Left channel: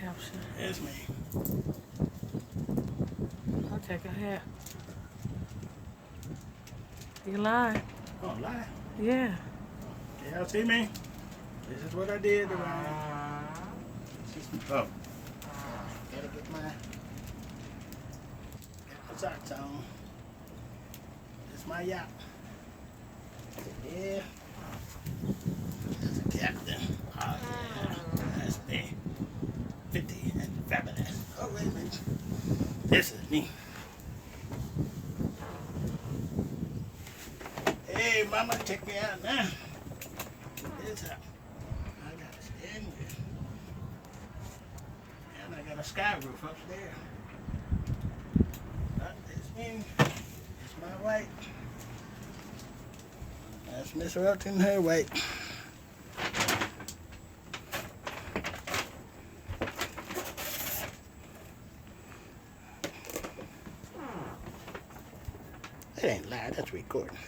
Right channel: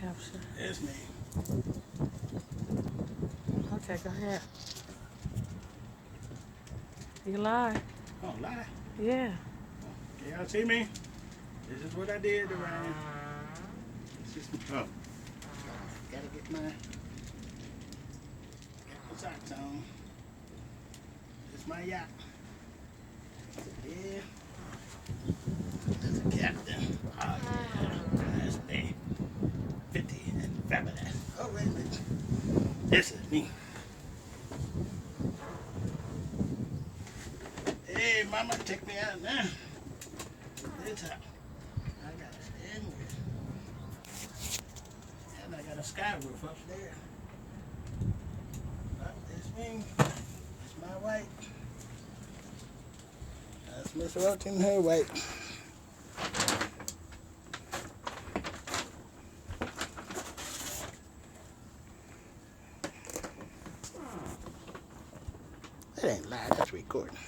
capture. That's me. I'll take a hat. You lie. Oh, lie. Yeah. Y'all see me? This is what I did around. Oh. Gotta get my socks on. This is my yacht. Yeah. There's a captain. Oh, yeah. That's me. 50 and fabulous. Oh, wait a minute. This is me. Hey, mama, take me out now. It's out. I got to stand with. And I got a sky roof up there. But it's me. It's my white. That's Miss Ruth in her white. That ain't live, that's recording.